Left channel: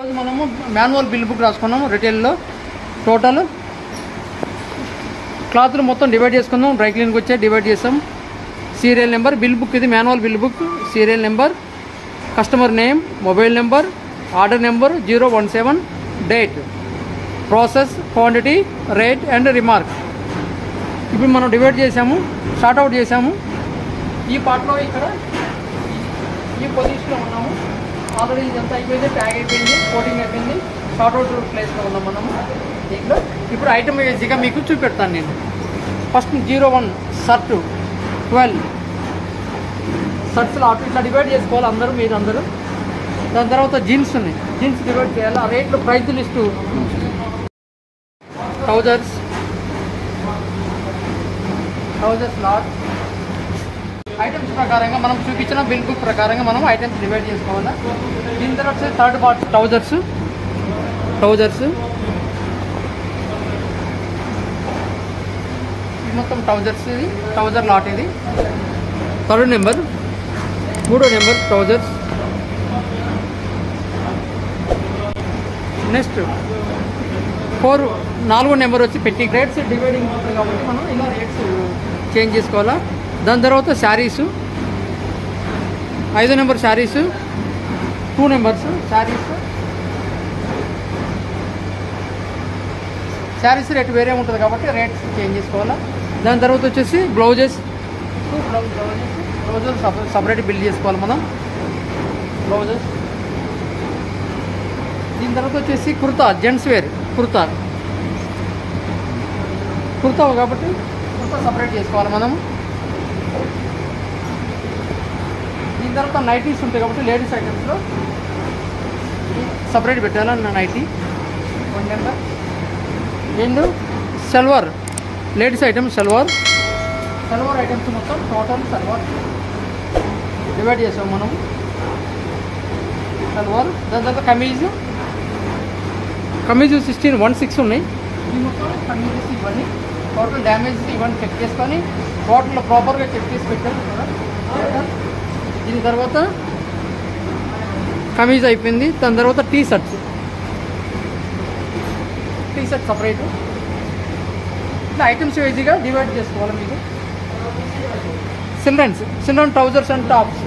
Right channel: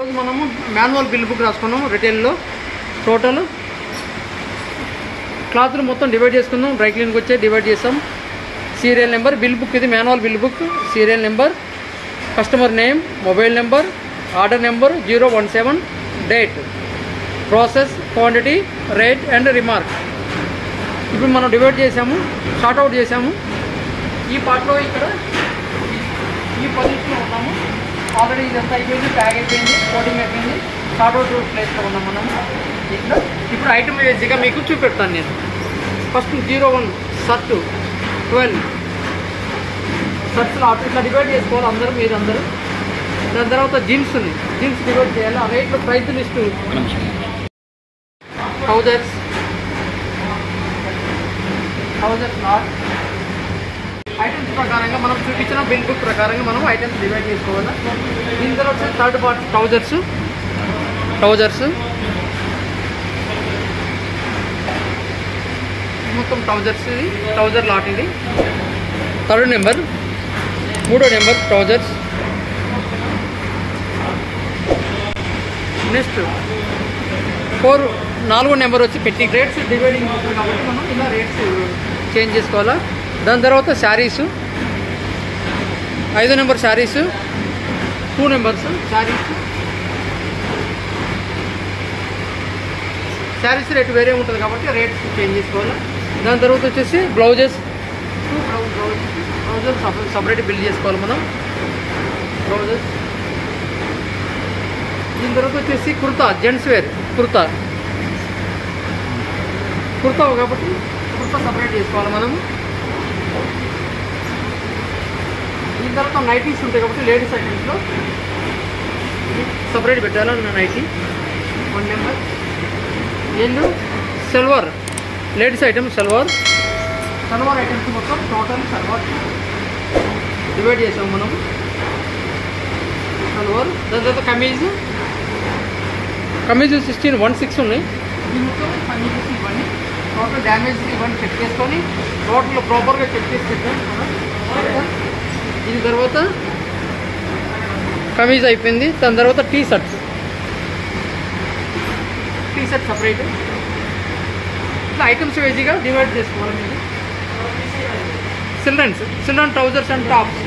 మనము manual bill book రాసుకున్నాము రిటైల్లో total క్లాత్లు మొత్తం డివైడ్ చేసుకుందాం. డ్రై క్లీన్కి వచ్చే డివైడ్ చేస్తాం. సీరియల్ నెంబర్ బిల్ బుక్, ఇది manual bill book. Serial number, customer name, mobile number, order number 017, date, process, quantity, rate and remark. ఇప్పుడు మనం డివైడ్ చేసాము, షార్ట్ అవుట్ చేసాము. ఈ పార్ట్లో ఇక్కడ ఈ పొజిషన్లో ఉన్నాము. ఆల్రెడీ ఇదంతా అయిపోయింది, ట్యాగ్ అయిపోయింది, కోటింగ్ అయిపోయింది, షార్ట్ అవుట్ ప్లేస్లో ఉన్నాం మనము. ఇక్కడ ఇప్పుడు ఐటమ్ ఈజీగా మీకు చూపెడతాను నేను. ఫస్ట్ 01 షర్ట్ 12 షర్ట్స్లో ఇట్లా డివైడ్ చేసుకోవాలి అందరూ, మీరు అందరూ. దాని తర్వాత జీన్స్ ఉంది, జీన్స్ డివైడ్ చేయాలి. ఆ రేట్లో price list trousers lot items ప్రకారంగా మనం చూపించిన బిల్ బుక్ ప్రకారంగా మనం ఐటమ్స్ డివైడ్ చేసుకోవాలి. దీని తర్వాత థర్డ్ పార్ట్ ట్రౌజర్స్ మొత్తం ట్రౌజర్స్, ఇది ట్రౌజర్ లాట్. ఇది థర్డ్ నెంబర్, మూడో నెంబర్ ట్రౌజర్స్. నెక్స్ట్ నాలుగో నెంబర్ వచ్చి పెట్టి రేట్స్ డివైడింగ్ ఉంటుంది కాబట్టి మనం ఇలా రేట్స్ చేంజ్ చేసుకోవాలా. దాని తర్వాత శారీస్, 5వ number saris, 2 numbers saris rate వేరే ఉంటుంది కాబట్టి రేట్స్ చేంజ్ చేసుకోవాలా. దాని తర్వాత వచ్చేసి బ్లౌజెస్ సపరేట్ బిల్ చేసుకోవాలి మనం, బ్లౌజెస్. దీని తర్వాత వచ్చేసి కుర్తా, జెంట్స్ వేర్ కుర్తా కాబట్టి కుర్తా సపరేట్ చేసుకోవాలి మనం. దీని తర్వాత నైటీస్ ఉంటాయి కాబట్టి లేడీస్ ఐటమ్స్లో సపరేట్ పెట్టాలి nighty 1 number. And salwar, ladies item salwar items మొత్తం టోటల్ సల్వార్ డివైడ్ చేసాం మనం. సల్వార్. దాని తర్వాత కమీజ్ 16 ఉన్నాయి. మొత్తం కమీజెస్ ఇవన్నీ టోటల్ డ్యామేజ్ ఇవన్నీ చెక్ చేసుకొని టోటల్ ప్రాపర్గా చెక్ చేసి పెట్టాలి. దీని తర్వాత కమీజ్ అయిపోయింది. దాని తర్వాత టీ షర్ట్ సపరేట్. ఇట్లా ఐటమ్స్ ఈజీగా డివైడ్ చేసుకోవాలి మీరు. Children trousers and tops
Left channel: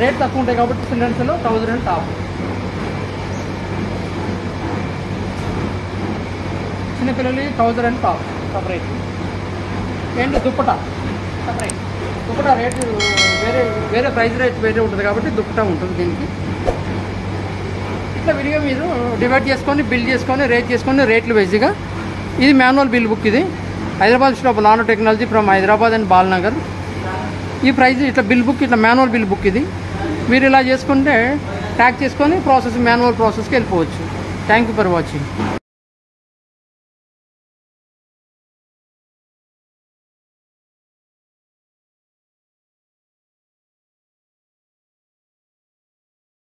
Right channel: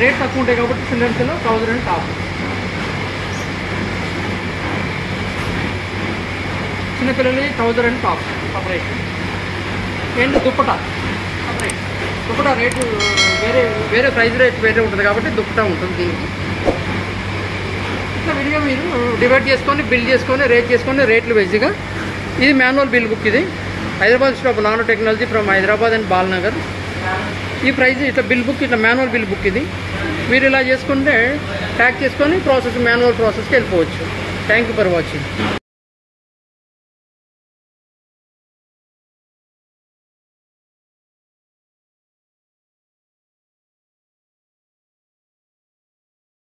rate తక్కువ ఉంటాయి కాబట్టి చిల్డ్రన్స్లో ట్రౌజర్ అండ్ టాప్. చిన్నపిల్లలు trouser and top separate. And dupatta separate. Dupatta rate వేరే ప్రైస్ రేట్ వేరే ఉంటుంది కాబట్టి దుప్పటా ఉంటుంది దీనికి. ఇట్లా విడిగా మీరు డివైడ్ చేసుకొని బిల్ చేసుకొని రేట్ చేసుకొని రేట్లు వేసిగా. ఇది మాన్యువల్ బిల్ బుక్. ఇది Hyderabad stop nanotechnology from Hyderabad and Balanagar. ఈ ప్రైస్ ఇట్లా బిల్ బుక్, ఇట్లా మాన్యువల్ బిల్ బుక్. ఇది మీరు ఇలా చేసుకుంటే ట్యాగ్ చేసుకొని మాన్యువల్ ప్రాసెస్కి వెళ్ళిపోవచ్చు. Thank you for watching.